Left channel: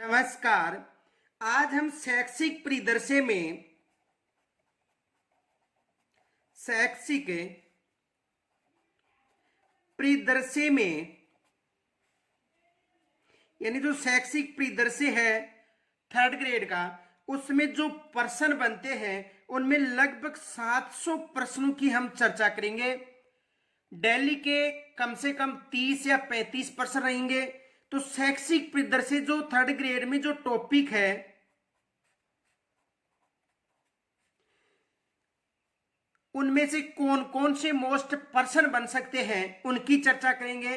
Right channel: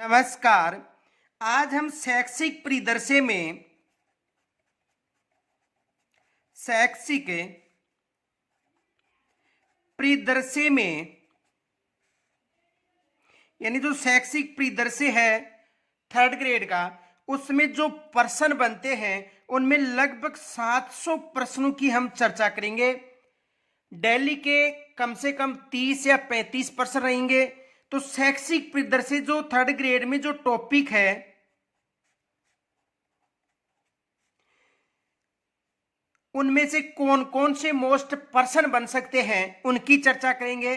नमस्कार। आज हम शैक्षिक परिदृश्य में यानी जो शैक्षिक परिदृश्य है थर्ड ग्रेड का, उसमें जो प्रश्न बनते हैं उनमें लगभग 700 प्रश्नों की हम चर्चा करेंगे। दिल्ली के कम से कम 30 या 35 प्रश्न रहेंगे। तो शैक्षिक परिदृश्य जो थर्ड ग्रेड में जो टॉपिक है उनमें से कौन कौन से मोस्ट प्रश्न बन सकते हैं उनकी चर्चा करेंगे।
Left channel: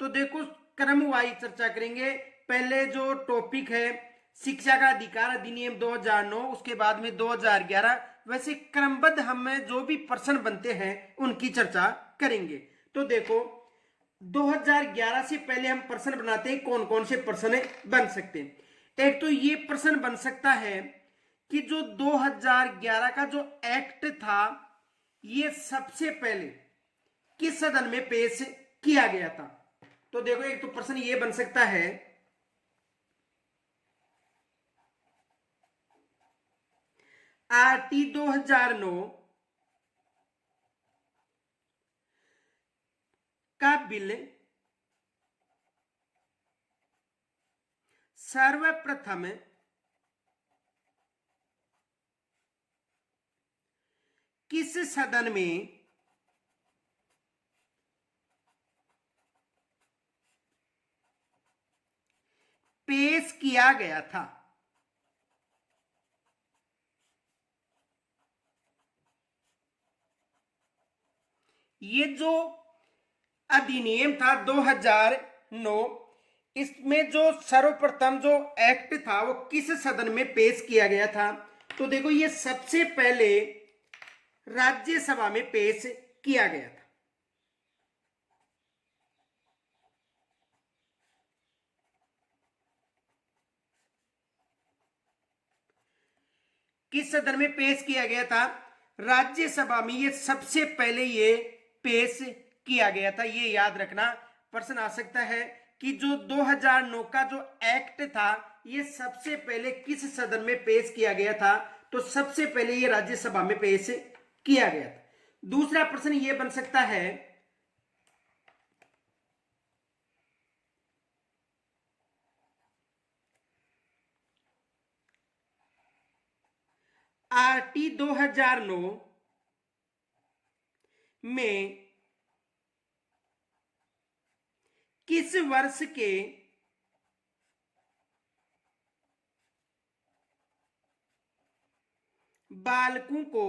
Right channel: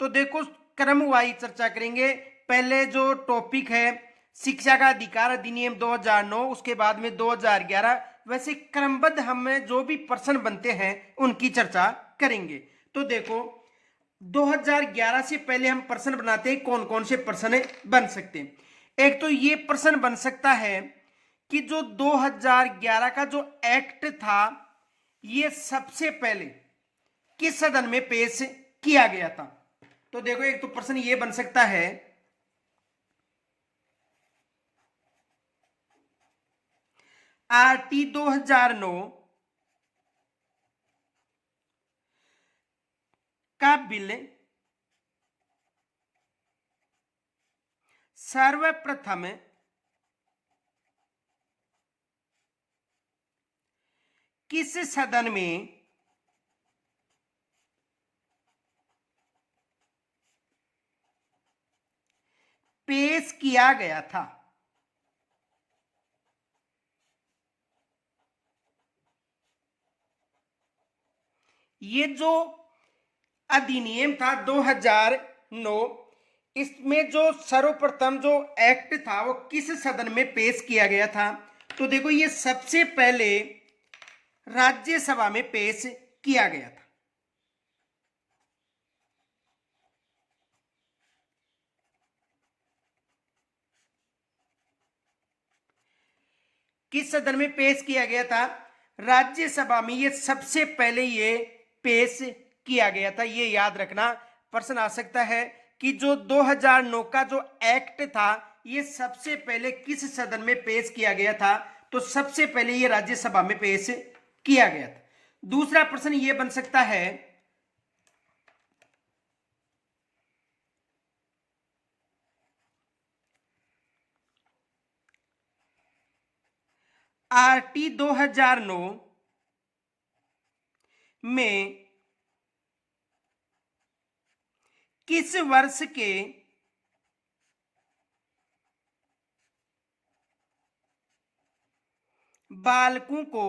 तो देखो, क्रम वाइज चर्चा करेंगे। पहले जो टॉपिक है शिक्षा का अधिकार अधिनियम 2009, उसके बाद में 2011, वैसे क्रमबद्ध हमें जो भी प्रश्न बनते हैं उनकी चर्चा करेंगे। तो देखो, 2011 से पहले हम प्रश्न बनाते हैं कौन कौन से प्रश्न बन सकते हैं। एक तो ये प्रश्न बन सकता है कि जो 2011 का जो एक्ट था ये सबसे पहले किस सदन में पेश किया गया था। तो देखो, एक तो प्रश्न ये बन सकता है आरटी 2009 का बिल सर्वप्रथम किस सदन में पेश किया गया था। ये जो अधिनियम था 2009, इसमें जो सर्वप्रथम जो एक्ट था वो किस सदन में पेश किया गया था। तो देखो, ये सबसे पहले राज्यसभा में पेश किया गया था। किस सदन में पेश किया गया था? राज्यसभा में ये सबसे पहले ये पेश किया गया था। ये याद रखना, प्रश्न आ सकता है कि जो 2009 का जो एक्ट था ये सबसे पहले किस सदन में पेश किया गया था। तो सबसे पहले ये राज्यसभा में पेश किया गया था। दूसरा प्रश्न ये बन सकता है आरटी 2009 में किस वर्ष के बालकों को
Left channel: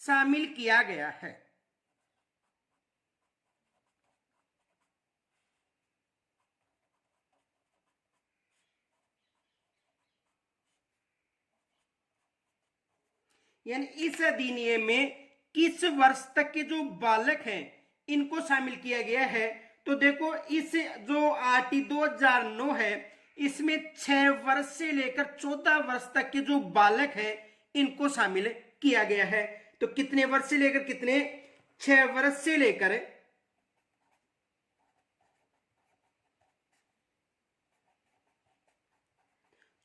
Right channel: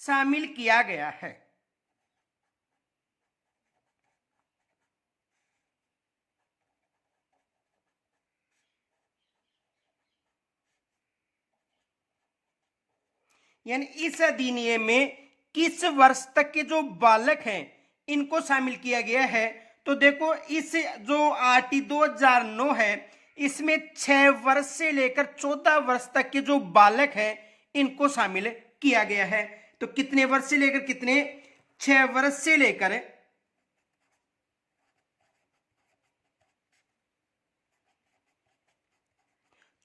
शामिल किया गया है। यानी इस अधिनियम में किस वर्ष तक के जो बालक हैं इनको शामिल किया गया है। तो देखो, इस जो आरटी 2009 है इसमें 6 वर्ष से लेकर 14 वर्ष तक के जो बालक हैं इनको शामिल किया गया है। तो कितने वर्ष से लेकर कितने? 6 वर्ष से लेकर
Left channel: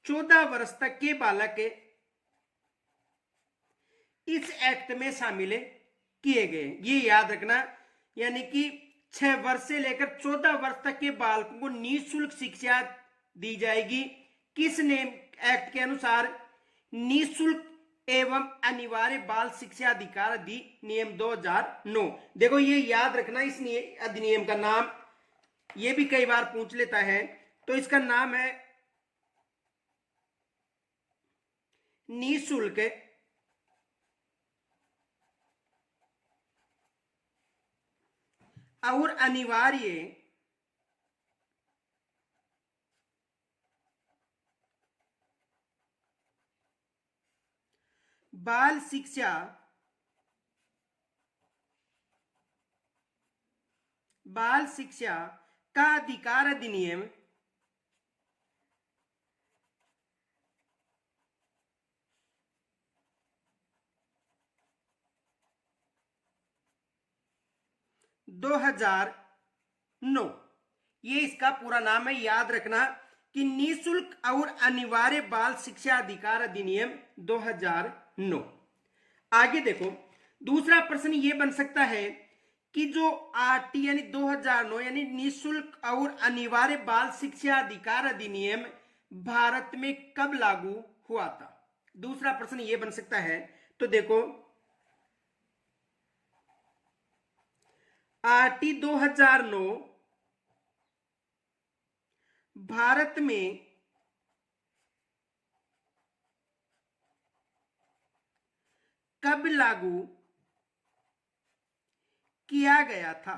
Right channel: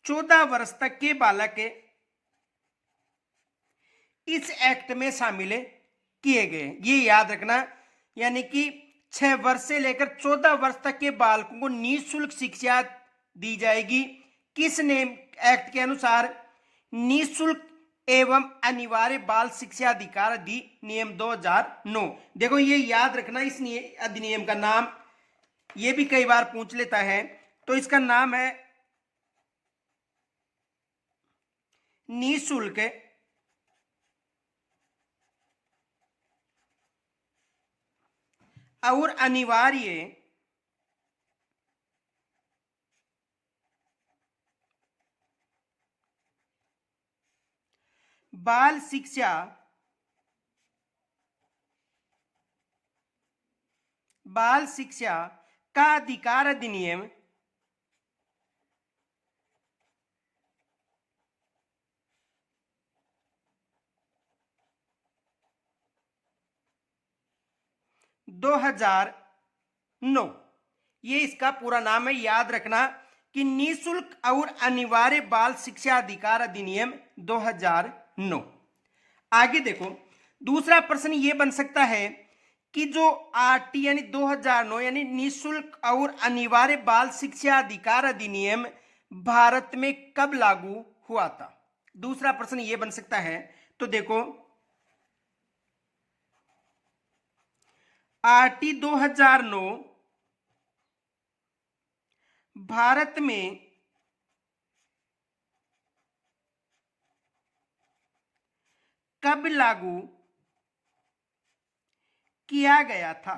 14 वर्ष तक के बालक इस एक्ट में शामिल किए गए। ये याद रखना, यानी कि 6 वर्ष से लेकर 14 वर्ष तक के बालकों को निःशुल्क शिक्षा दी जाएगी। किस नेम एक्ट के अनुसार? निःशुल्क एवं अनिवार्य बाल शिक्षा अधिकार अधिनियम 2009। देखो, ये याद रखना, इस अधिनियम का नाम ये भी कई बार पूछ लेता है। तो इसका नाम है निःशुल्क और अनिवार्य बाल शिक्षा का अधिकार अधिनियम 2009। ये इसका पूरा नाम है, याद रखना कि निःशुल्क और अनिवार्य बाल शिक्षा अधिकार अधिनियम 2009। आगे देखो, दूसरा प्रश्न ये बन सकता है कि जो आरटी यानी 2009 यानी निःशुल्क और अनिवार्य बाल शिक्षा अधिकार अधिनियम भारत में कब लागू हुआ था। दूसरा प्रश्न ये बन सकता है। तो देखो, आरटी 2009 भारत में कब लागू किया गया था।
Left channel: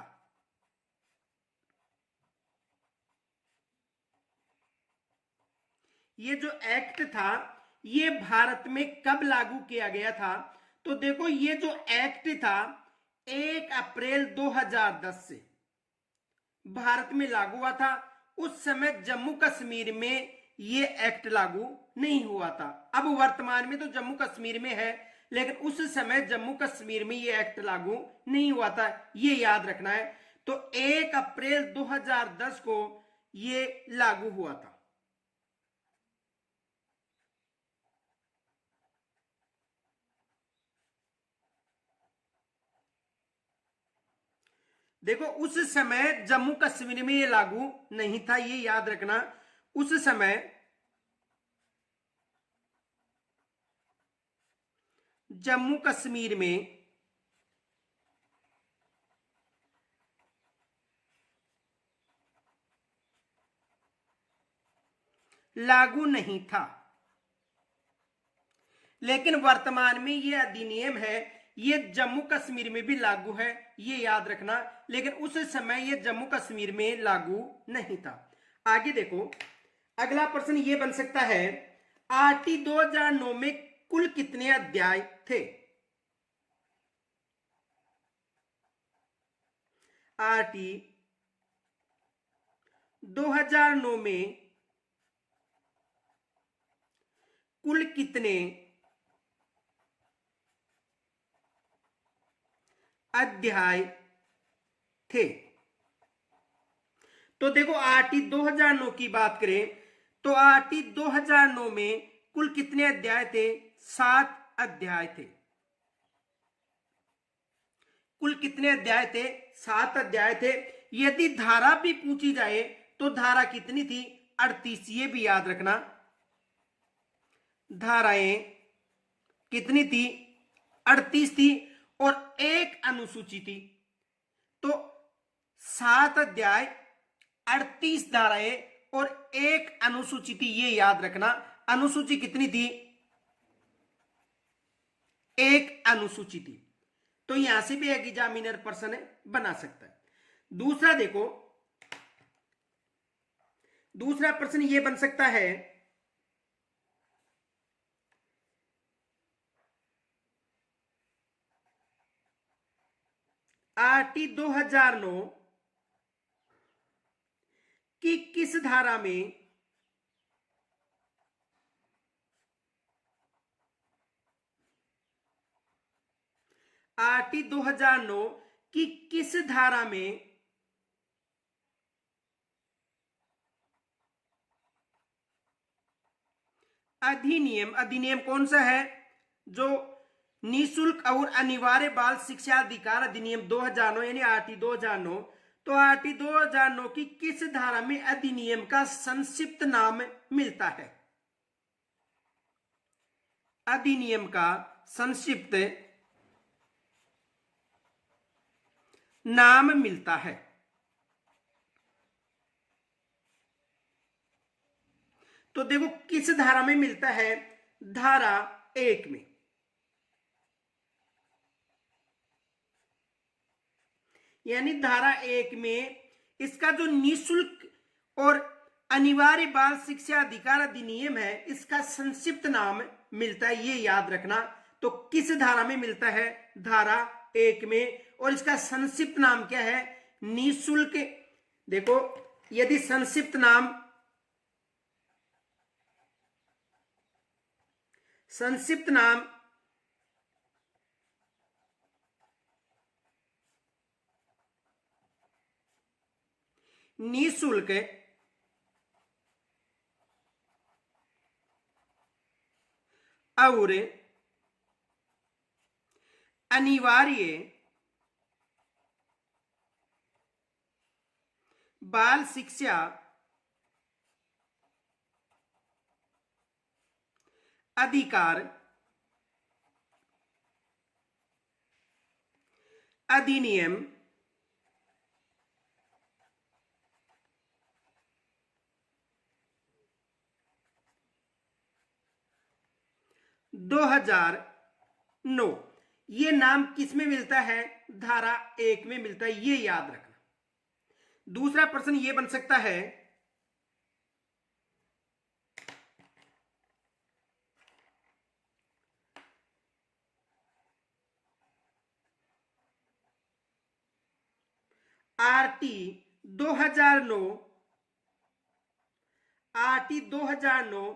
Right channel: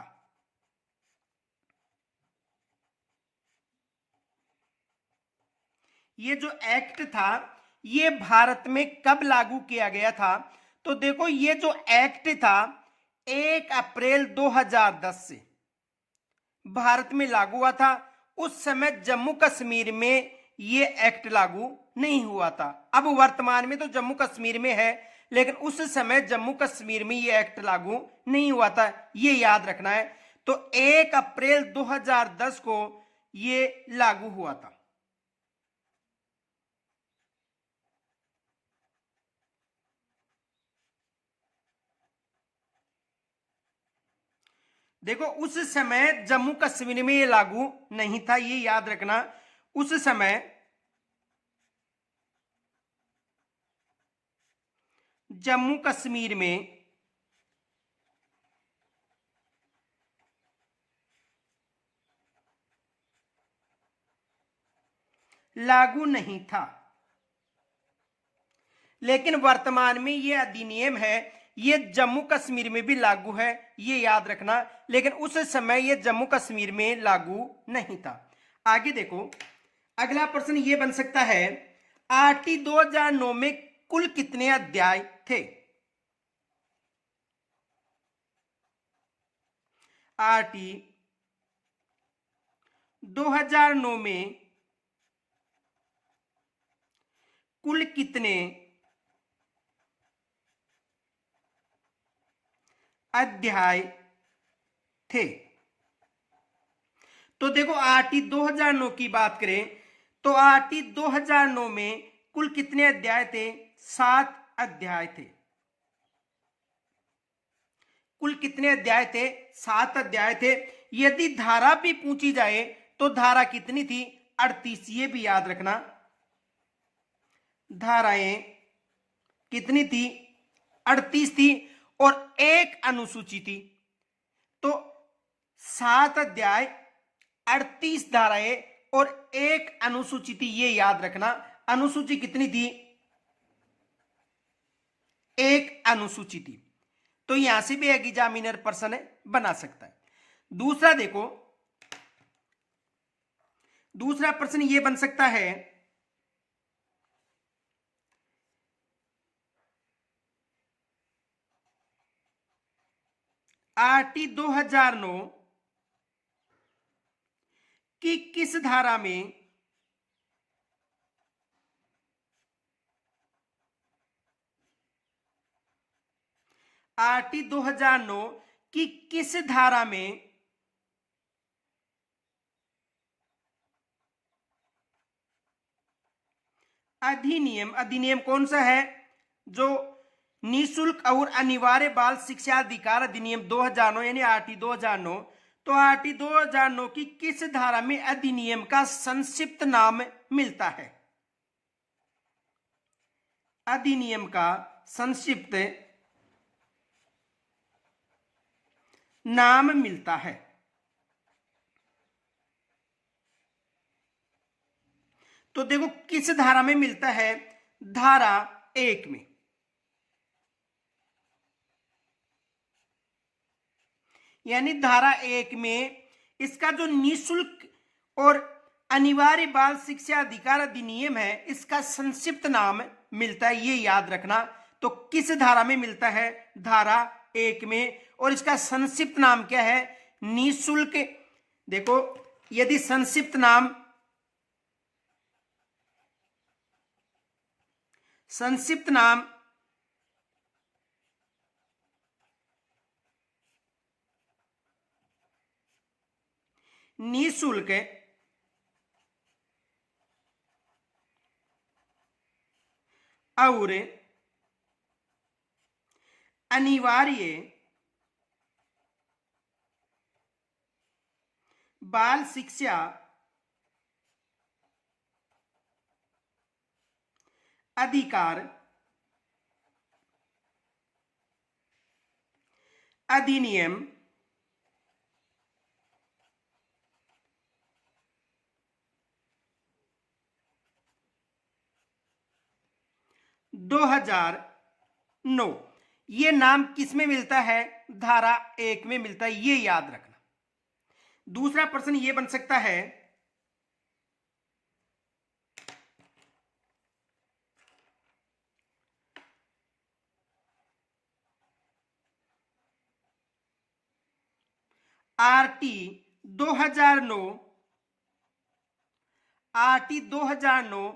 ये जो एक्ट था ये भारत में कब लागू किया गया था। तो देखो, ये जो एक्ट था 1 अप्रैल 2010 से भारत में लागू हुआ था। उस समय जम्मू कश्मीर में ये एक्ट लागू नहीं हुआ था। अब वर्तमान में तो जम्मू कश्मीर में है, लेकिन उस समय जम्मू कश्मीर में ये एक्ट लागू नहीं हुआ था, ये याद रखना है। तो 1 अप्रैल 2010 को ये लागू हुआ था। देखो, उस समय जम्मू कश्मीर में ये लागू नहीं था, ये याद रखना। उस समय जम्मू कश्मीर में लागू नहीं था, लेकिन वर्तमान में ये अधिनियम है, ये जम्मू कश्मीर में भी लागू है, ये याद रखना। लेकिन उस समय ये जम्मू कश्मीर में लागू नहीं था। आगे देखो, अगला प्रश्न ये बन सकता है, आरटी 2009 में कुल कितने अध्याय थे। आरटी 2009 में कुल कितने अध्याय थे। तो देखो, आरटी 2009 की बात करें तो आरटी 2009 में कुल कितने अध्याय थे। 7 अध्याय थे। कुल कितने अध्याय थे। 7 अध्याय थे। यदि धारा भी पूछी जाए तो धारा कितनी थी। 38। ये भी याद रखना, धाराएं कितनी थी। 38 थी और एक अनुसूची थी। तो 7 अध्याय, 38 धाराएं और एक अनुसूची थी, ये याद रखना। अनुसूची कितनी थी। एक अनुसूची थी। तो यहां से भी एग्जामिनर प्रश्न बना सकता है। दूसरा देखो, दूसरा प्रश्न ये बन सकता है, आरटी 2009 की किस धारा में आरटी 2009 की किस धारा में अधिनियम कौन सा है, जो निःशुल्क और अनिवार्य बाल शिक्षा अधिकार अधिनियम 2009 यानी आरटी 2009। तो आरटी 2009 की किस धारा में अधिनियम का संक्षिप्त नाम मिलता है। अधिनियम का संक्षिप्त नाम मिलता है। तो देखो, किस धारा में मिलता है। धारा 1 में। यानी धारा 1 में इसका जो निःशुल्क और अनिवार्य बाल शिक्षा अधिकार अधिनियम है, इसका संक्षिप्त नाम मिलता है, ये याद रखना। तो किस धारा में मिलता है। धारा 1 में। और इसका संक्षिप्त नाम क्या है। निःशुल्क। देखो, यदि संक्षिप्त नाम निःशुल्क और अनिवार्य बाल शिक्षा अधिकार अधिनियम 2009। ये नाम किस में मिलता है? धारा 1 में मिलता है, ये याद रखना। दूसरा प्रश्न ये बन सकता है, आरटी 2009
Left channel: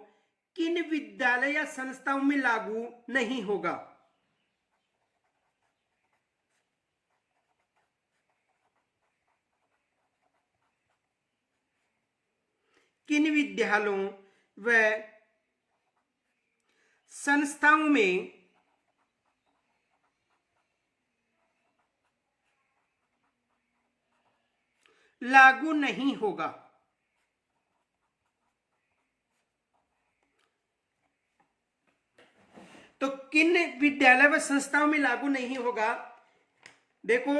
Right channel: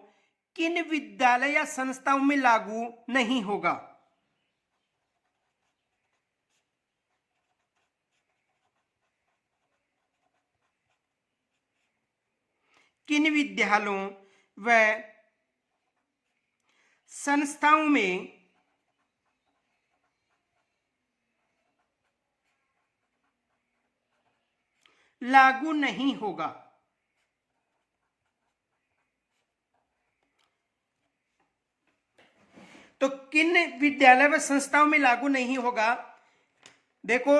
किन विद्यालय या संस्थाओं में लागू नहीं होगा? किन विद्यालयों व संस्थाओं में लागू नहीं होगा? तो किन विद्यालय व संस्थाओं में लागू नहीं होगा? देखो,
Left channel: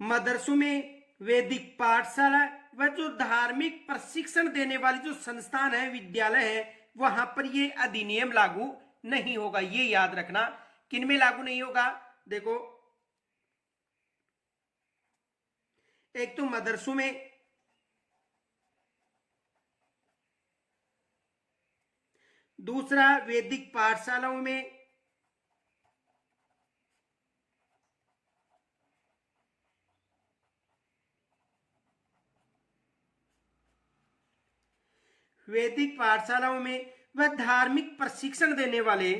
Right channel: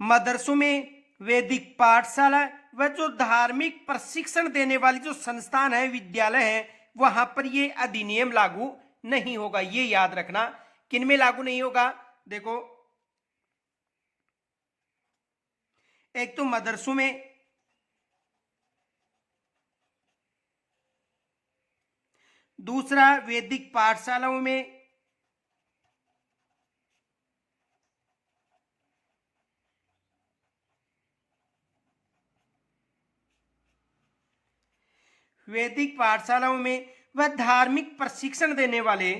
मदरसों में, वैदिक पाठशाला व जो धार्मिक प्रशिक्षण देने वाली जो संस्थान है, विद्यालय है, वहां पर ये अधिनियम लागू नहीं होगा। ये याद रखना, किन में लागू नहीं होगा? देखो, एक तो मदरसों में, दूसरा वैदिक पाठशालाओं में, वैदिक पाठशालाओं में व धार्मिक प्रशिक्षण देने वाले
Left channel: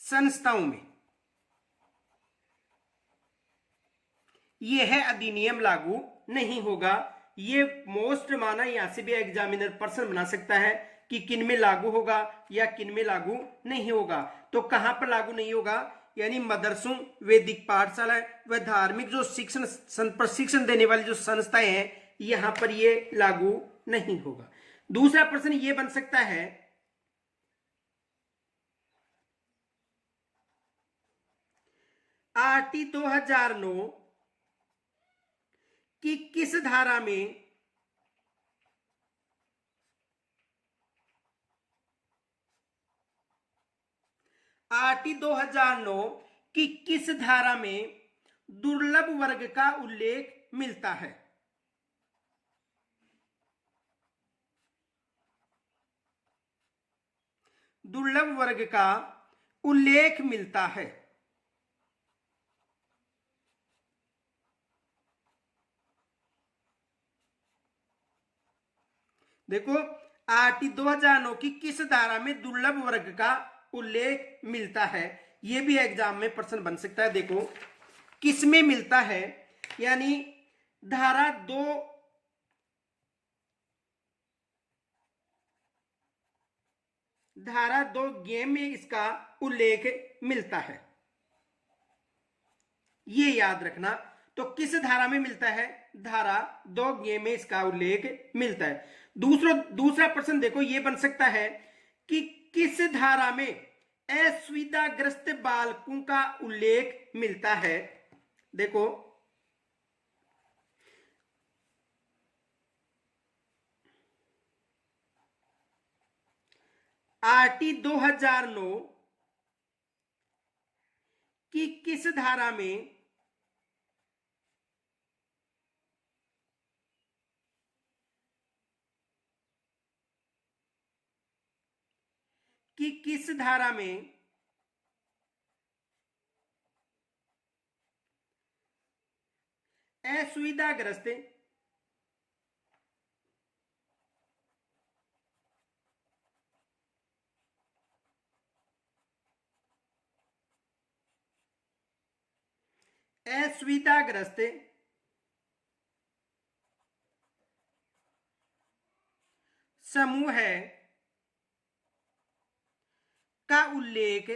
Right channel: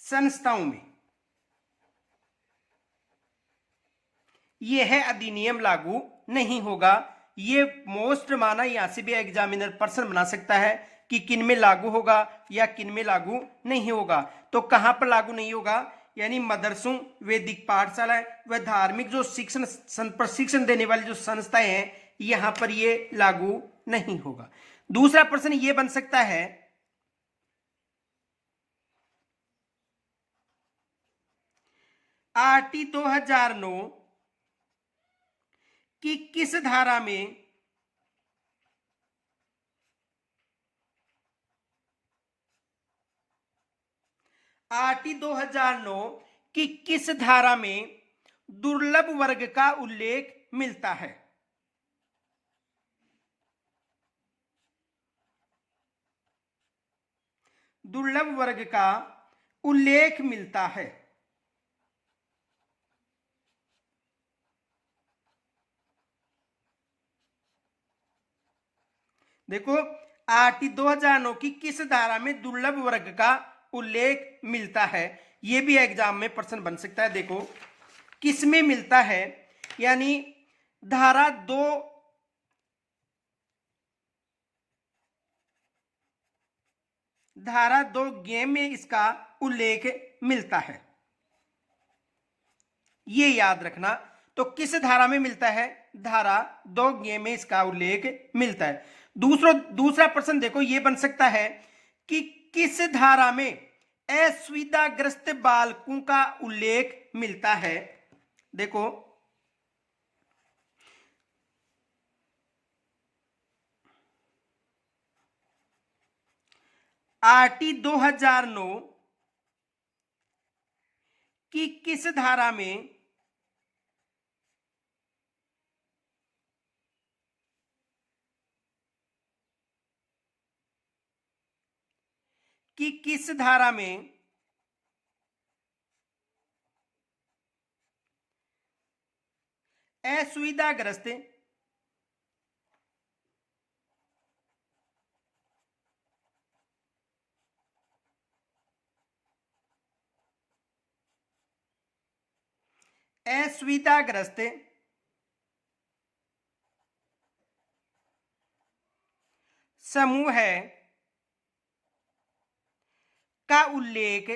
संस्थाओं में यह अधिनियम लागू नहीं होगा। ये मोस्ट माना, यहां से भी एग्जामिनर प्रश्न बना सकता है कि किन में लागू होगा या किन में लागू नहीं होगा। तो कहां पर लागू नहीं होगा? यानी मदरसों, वैदिक पाठशाला व धार्मिक जो प्रशिक्षण देने वाली जो संस्थाएं हैं, यहां पर ये लागू नहीं होगा। दूसरा प्रश्न ये बन सकता है, आरटी 2009 की किस धारा में आरटी 2009 की किस धारा में दुर्लभ वर्ग का उल्लेख मिलता है? दुर्लभ वर्ग का उल्लेख मिलता है। देखो, आरटी 2009 की किस धारा में दुर्लभ वर्ग का उल्लेख मिलता है, यह भी एग्जाम में प्रश्न बन सकता है। देखो, किस में मिलता है, यानी धारा 2 गेम में इसका उल्लेख मिलता है, ये याद रखना। तो किस धारा में मिलता है? धारा 2 गेम में इसका उल्लेख मिलता है। दूसरा प्रश्न देखो, ये बन सकता है कि किस धारा में असुविधाग्रस्त बालकों का उल्लेख मिलता है? देखो, आरटी 2009 की किस धारा में असुविधाग्रस्त असुविधाग्रस्त समूह का उल्लेख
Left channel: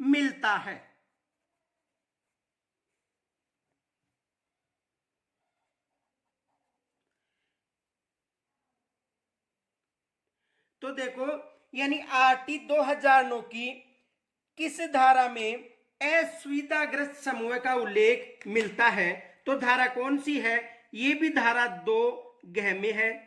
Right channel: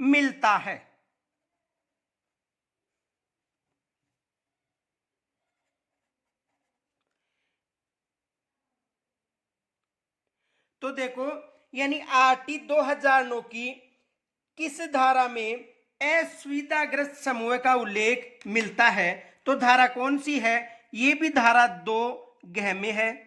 मिलता है। तो देखो, यानी आरटी 2009 की किस धारा में असुविधाग्रस्त समूह का उल्लेख मिलता है? तो धारा कौन सी है? ये भी धारा 2 में है।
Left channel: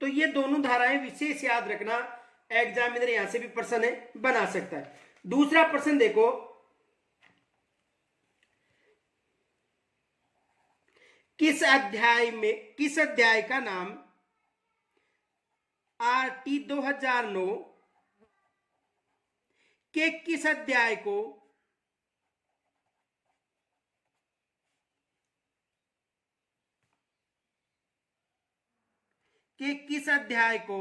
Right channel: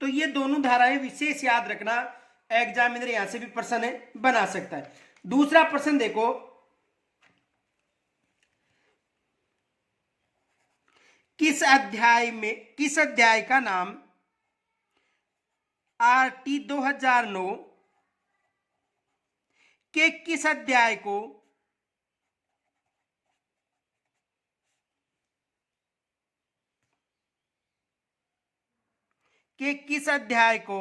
तो ये दोनों धाराएं विशेष याद रखना, एग्जामिनर यहां से भी प्रश्न बना सकता है। दूसरा प्रश्न देखो, किस अध्याय का नाम आरटी 2009 के किस अध्याय को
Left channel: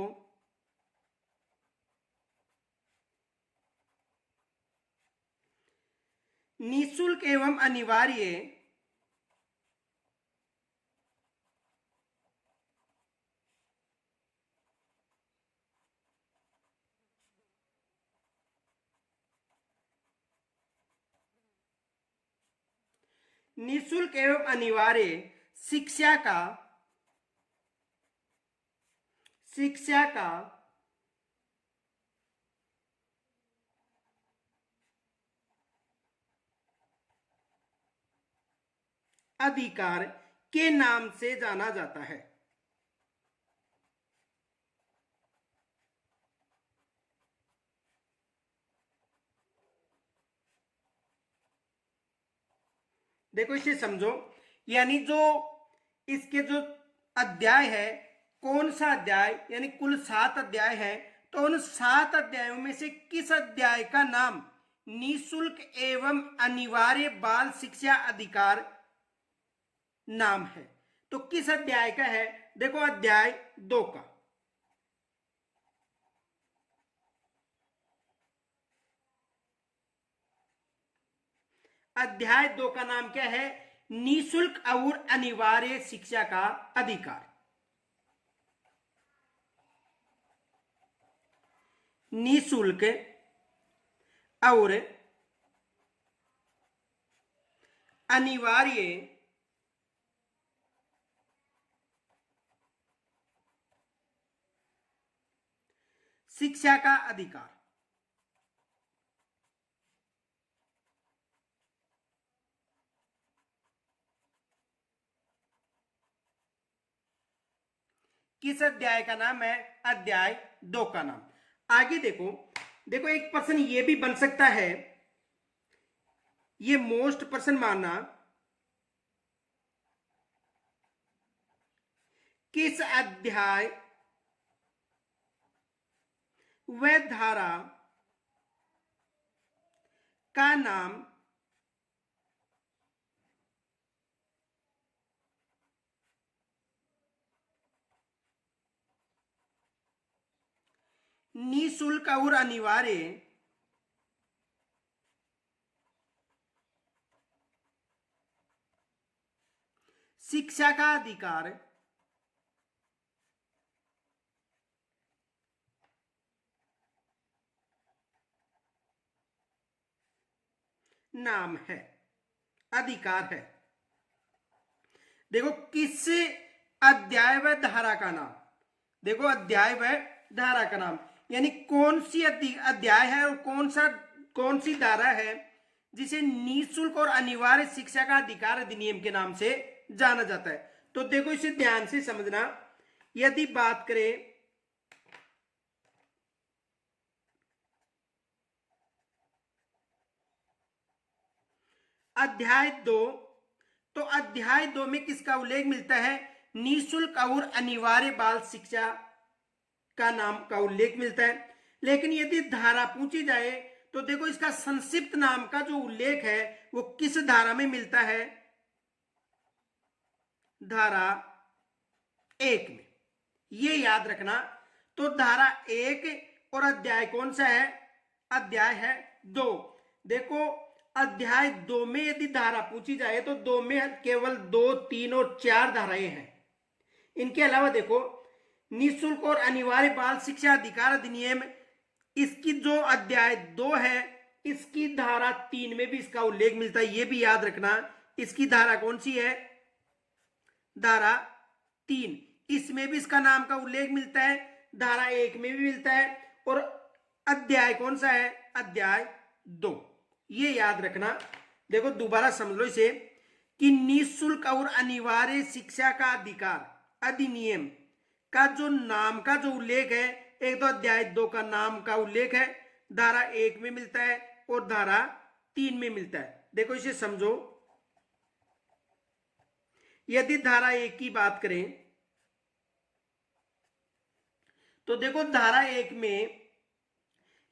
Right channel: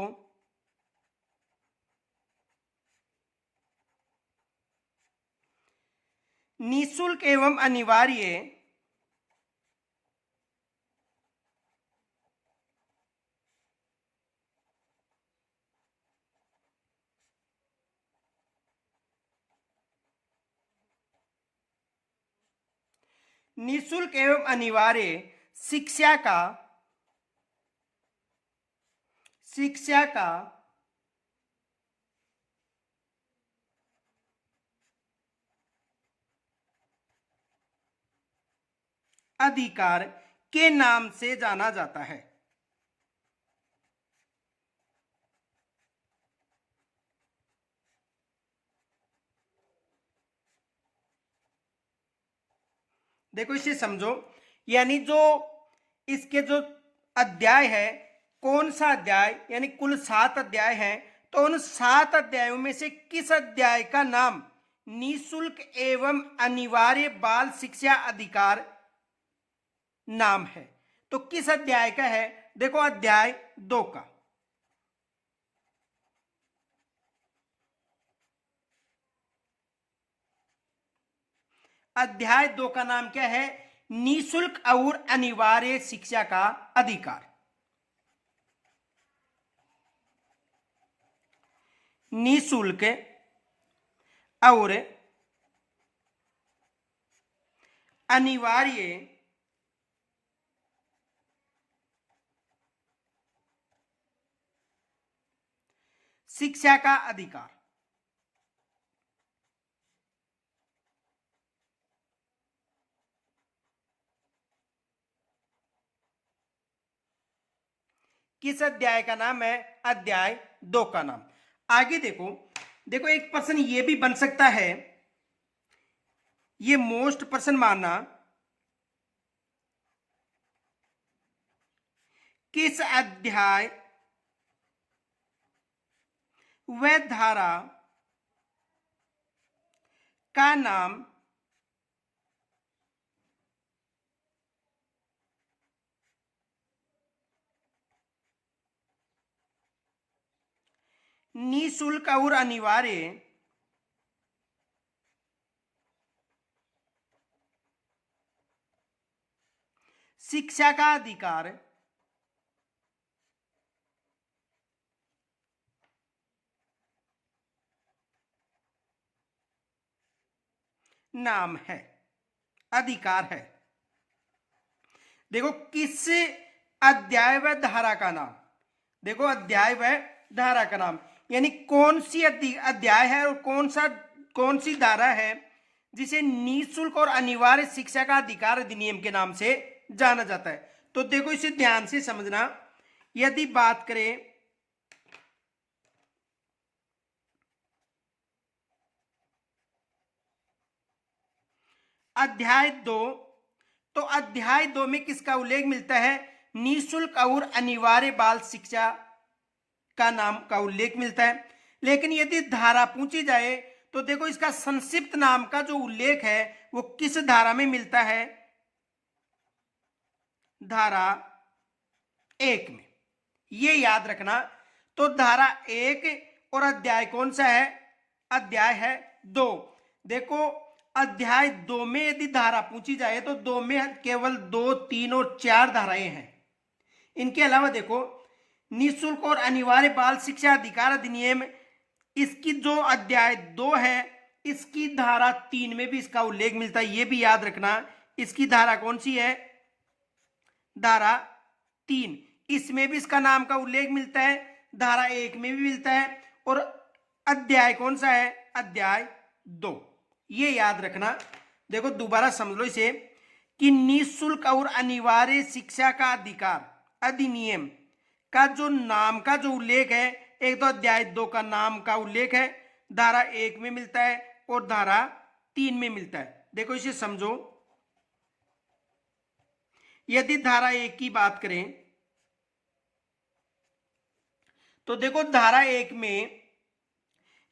निःशुल्क एवं अनिवार्य निःशुल्क एवं अनिवार्य शिक्षा का अधिकार के नाम से जाना जाता है। देखो इसे समझो, यानी जो इसके जो अध्याय है, कौन सा अध्याय, यानी कुल 7 अध्याय है, तो उन 7 अध्यायों में से किस अध्याय का नाम निःशुल्क एवं अनिवार्य बाल शिक्षा अधिकार नाम है? तो किस अध्याय का है? देखो अध्याय 2 का। अध्याय 2 का नाम क्या है? निःशुल्क और अनिवार्य शिक्षा का अधिकार। निःशुल्क और अनिवार्य शिक्षा का अधिकार। किस अध्याय का नाम है? अध्याय 2 का नाम। आगे देखो, देखो एक प्रश्न ये भी बन सकता है, ये मोस्ट प्रश्न मानना, किस अध्याय व धारा का नाम निःशुल्क और अनिवार्य शिक्षा का अधिकार नाम है, अधिकार है? देखो किस अध्याय व धारा का नाम, देखो अध्याय व धारा का नाम, यानी कौन सी अध्याय है और कौन सी धारा है जिसे निःशुल्क और अनिवार्य शिक्षा का अधिकार अधिनियम के नाम से जाना जाता है? तो देखो इसे ध्यान से समझना। यदि बात करें अध्याय 2, तो अध्याय 2 में किसका उल्लेख मिलता है? निःशुल्क और अनिवार्य बाल शिक्षा का नाम का उल्लेख मिलता है। लेकिन यदि धारा पूछी जाए तो देखो इसका संक्षिप्त नाम का जो उल्लेख है वो किस धारा में मिलता है? धारा 1 में। ये याद रखना। तो धारा 1 और अध्याय कौन सा है? अध्याय है 2। देखो अध्याय 2 में यदि धारा पूछी जाए तो 2 में केवल 2, 3 और 4 धाराएं हैं। इनके अलावा देखो निःशुल्क और अनिवार्य बाल शिक्षा अधिकार अधिनियम, इसकी जो अध्याय 2 है इसकी धारा 3 में भी इसका उल्लेख मिलता है, ये भी याद रखना। इसकी धारा कौन सी है? धारा 3, इसमें भी इसका नाम का उल्लेख मिलता है, धारा 1 में भी मिलता है। और अध्याय कौन सा है? अध्याय 2, ये याद रखना। देखो दोबारा समझ लो इसे कि निःशुल्क और अनिवार्य शिक्षा का अधिकार अधिनियम का जो नाम का जो उल्लेख है, एक तो अध्याय 2 का नाम का उल्लेख है, धारा 1 में मिलता है और धारा 3 में मिलता है। देखो इसे समझो। यदि धारा 1 की बात करें तो देखो धारा 1 में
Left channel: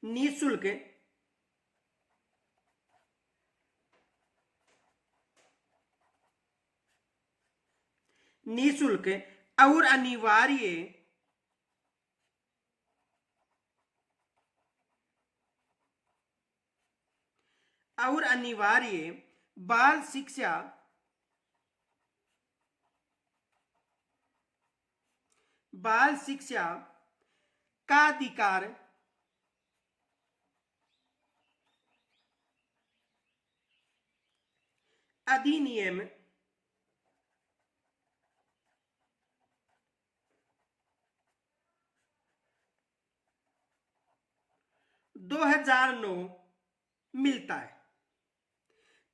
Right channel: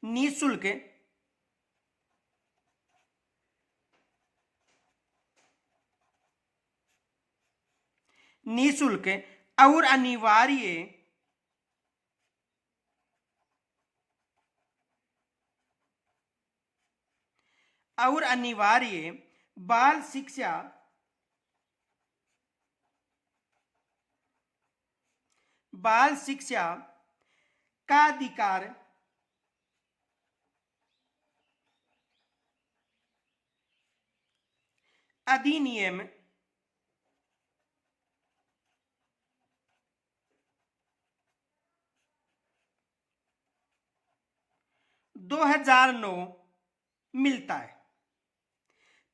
निःशुल्क और अनिवार्य बाल शिक्षा का अधिकार अधिनियम 2009 मिलता है।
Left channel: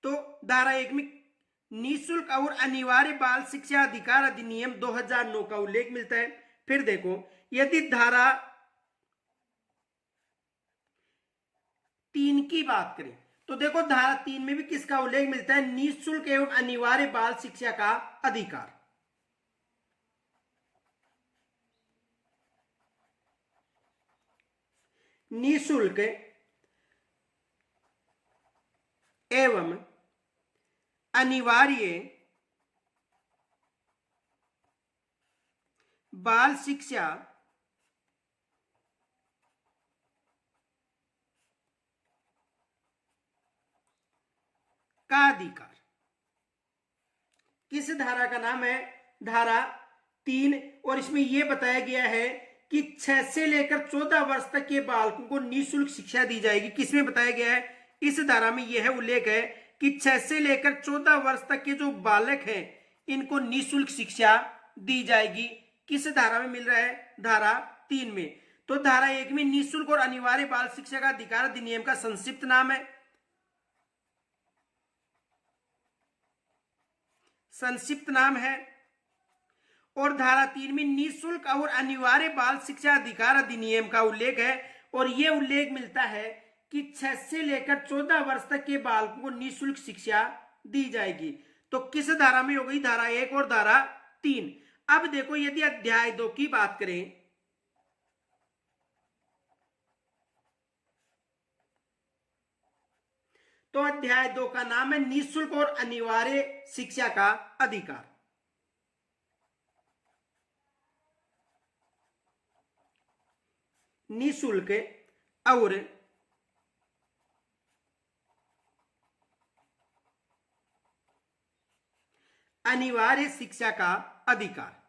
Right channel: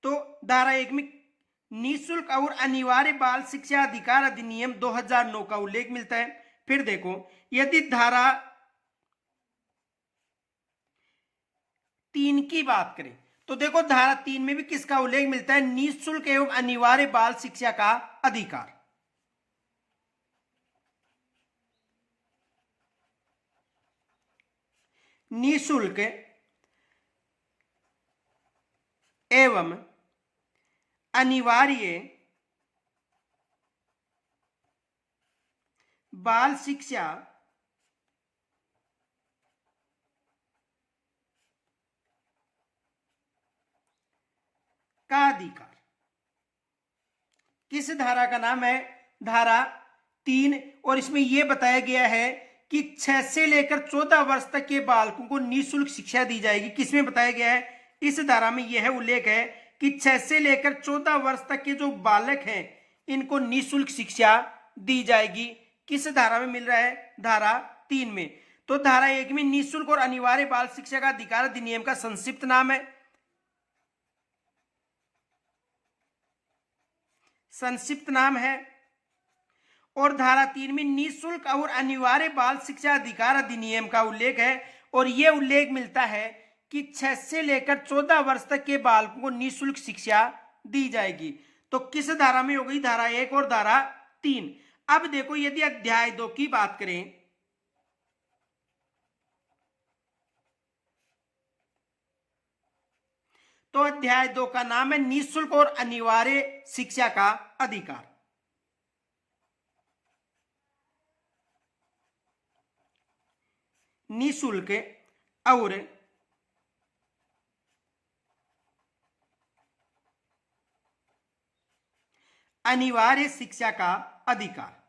तो धारा 1 में निःशुल्क और अनिवार्य बाल शिक्षा अधिकार अधिनियम 2009 का उल्लेख मिलता है। फिर देखो यदि धारा 3 की बात करें तो देखो धारा 3 में भी किसका उल्लेख मिलता है? निःशुल्क एवं अनिवार्य बाल शिक्षा का अधिकार। निःशुल्क एवं अनिवार्य बाल शिक्षा का अधिकार किस धारा का नाम है? धारा 3। और इसमें यह बताया गया है कि 6 से लेकर 14 वर्ष तक के बालकों को निःशुल्क शिक्षा दी जाएगी। किसमें बताया गया है? इस धारा में यह उल्लेख है कि 6 से लेकर 14 वर्ष तक के जो बालक हैं इनको निःशुल्क शिक्षा दी जाएगी। किस धारा में मिल रहा है? धारा 3 में। तो धारा 1 में निःशुल्क और अनिवार्य बाल शिक्षा का अधिकार अधिनियम का संक्षिप्त नाम है, और धारा 3 में निःशुल्क और अनिवार्य बाल शिक्षा अधिकार अधिनियम का उल्लेख है। और यह उल्लेख मिलता है कि 6 से लेकर 14 वर्ष तक के बालकों को निःशुल्क शिक्षा दी जाएगी। तो किस धारा में हो गई? धारा 1 और धारा 3। अब देखो यदि अध्याय 2 की बात करें तो अध्याय 2 का नाम है निःशुल्क और अनिवार्य शिक्षा का अधिकार। निःशुल्क और अनिवार्य शिक्षा का अधिकार।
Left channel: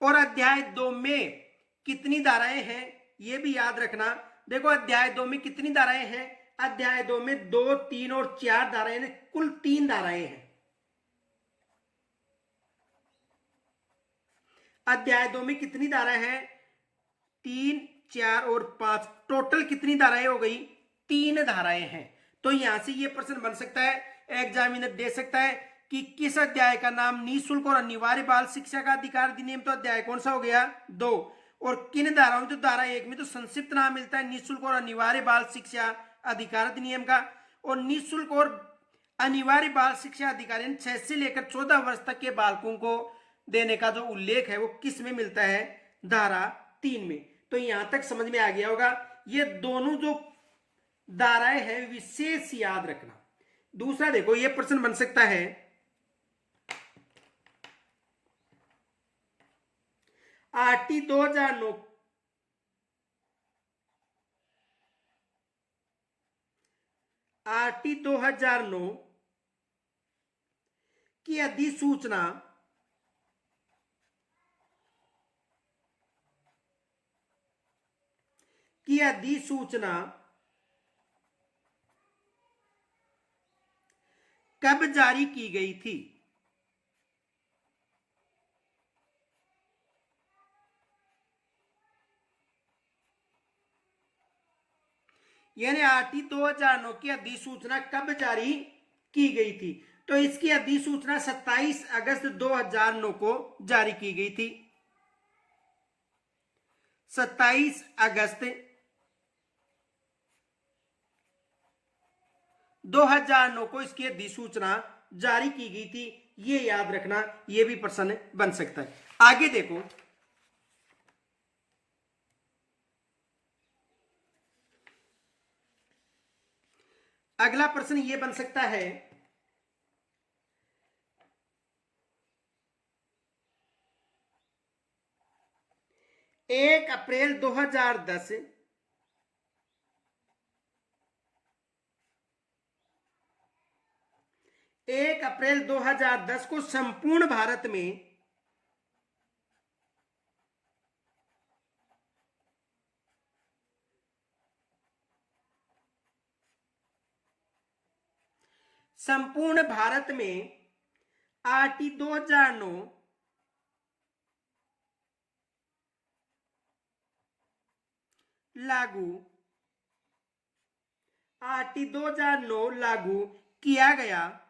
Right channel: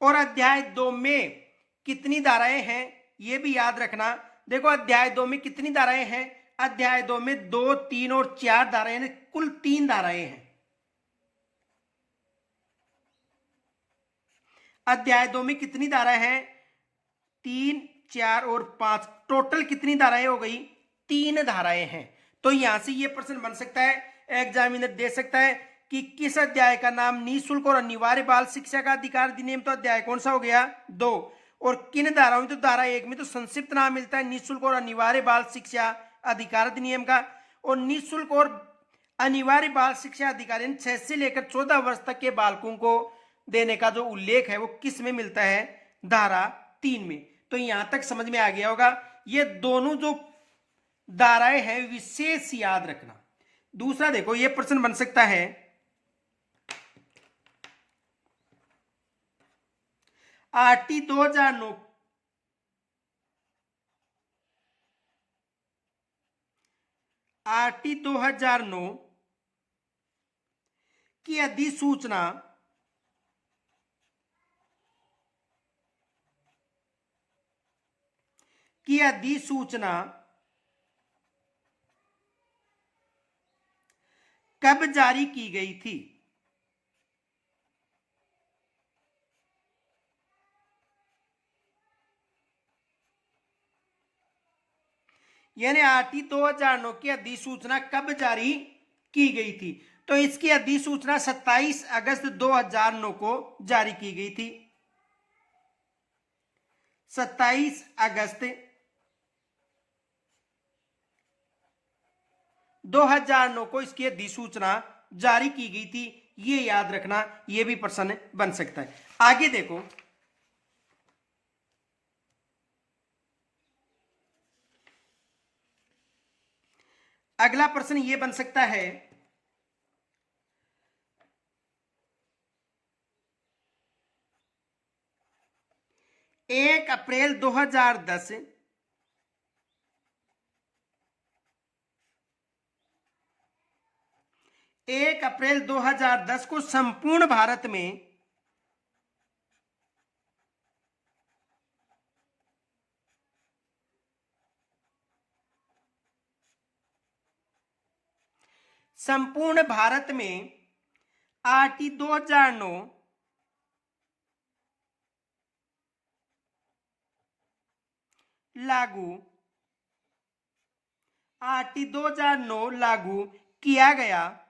और अध्याय 2 में कितनी धाराएं हैं ये भी याद रखना। देखो अध्याय 2 में कितनी धाराएं हैं? अध्याय 2 में 2, 3 और 4 धाराएं, कुल 3 धाराएं हैं। अध्याय 2 में कितनी धाराएं हैं? 3, 4 और 5, टोटल कितनी धाराएं हो गई? 3 धाराएं हैं। तो यहां से ये प्रश्न बन सकता है, एग्जामिनर दे सकता है कि किस अध्याय का नाम निःशुल्क और अनिवार्य बाल शिक्षा का अधिकार अधिनियम, तो अध्याय कौन सा हो गया? 2। और किन धाराओं में? तो धारा 1 में तो संक्षिप्त नाम मिलता है निःशुल्क और अनिवार्य बाल शिक्षा अधिकार अधिनियम का। और निःशुल्क और अनिवार्य बाल शिक्षा अधिकार 6 से लेकर 14 वर्ष तक के बालकों को देने का जो उल्लेख है वो किस में मिलता है? धारा 3 में। तो यहां तक समझ में आ गया होगा। ये दोनों जो धाराएं हैं, विशेष याद रखना। दूसरा देखो, ये प्रश्न बन सकता है, आरटी 2009 आरटी 2009 की अधिसूचना कब जारी की गई थी? यानी आरटी 2009 की अधिसूचना कब जारी की गई थी? तो इसकी अधिसूचना 27 अगस्त 2009 को जारी की गई थी। 27 अगस्त 2009 को इसकी अधिसूचना जारी की गई थी। ये याद रखना, ये भी प्रश्न बन सकता है। आगे देखो, अगला प्रश्न ये बन सकता है, 1 अप्रैल 2010 1 अप्रैल 2010 को संपूर्ण भारत में आरटी 2009 लागू किया गया।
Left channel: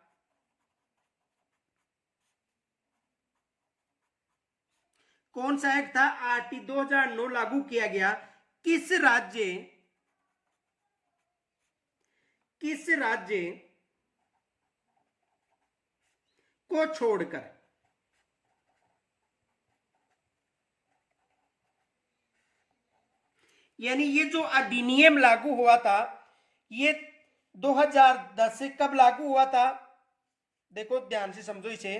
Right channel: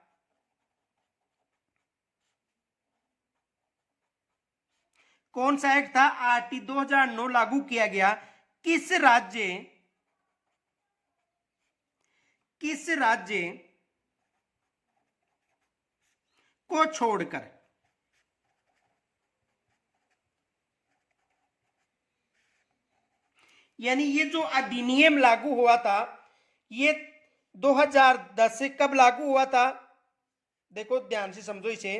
कौन सा एक्ट था? आरटी 2009 लागू किया गया। किस राज्य को छोड़कर? यानी ये जो अधिनियम लागू हुआ था, ये 2010 से कब लागू हुआ था? देखो ध्यान से समझो इसे।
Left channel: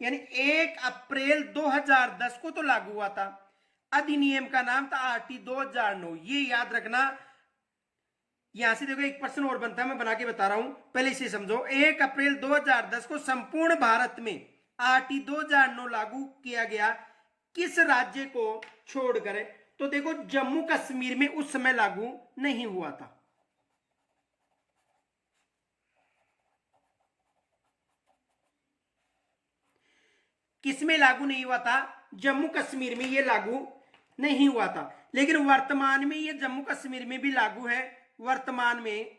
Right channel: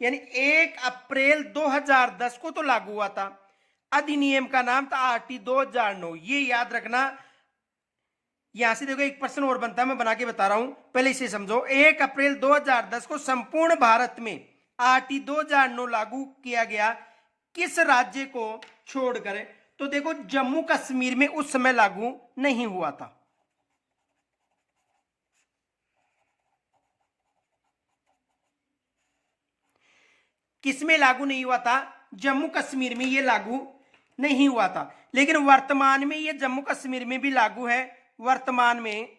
यानी 1 अप्रैल 2010 को तो लागू हुआ था। अधिनियम का नाम था आरटी 2009, ये याद रखना। यहां से देखो एक प्रश्न और बनता है, मैं बना के बता रहा हूं, पहले इसे समझो। 1 अप्रैल 2010 को संपूर्ण भारत में आरटी 2009 लागू किया गया। किस राज्य को छोड़कर? तो देखो जम्मू कश्मीर में उस समय लागू नहीं हुआ था। किसमें लागू नहीं हुआ था? जम्मू कश्मीर में ये लागू नहीं हुआ था। लेकिन वर्तमान में ये जम्मू कश्मीर में भी लागू है। वर्तमान में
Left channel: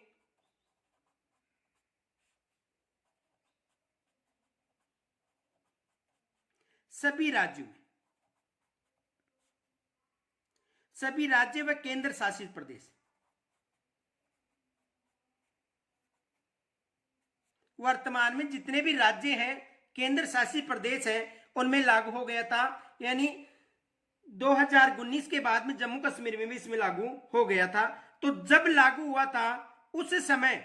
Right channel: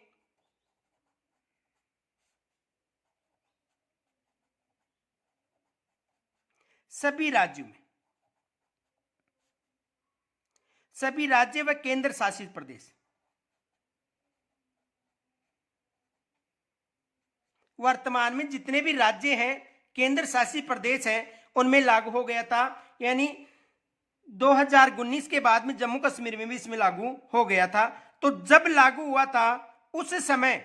सभी राज्य व केंद्र शासित प्रदेश, वर्तमान में जितने भी राज्य हैं, केंद्र शासित प्रदेश हैं, उनमें लागू हो गया था। यानी 2019 के बाद में जम्मू कश्मीर में भी इसमें लागू हो गया था। तो जब लागू हुआ था उस समय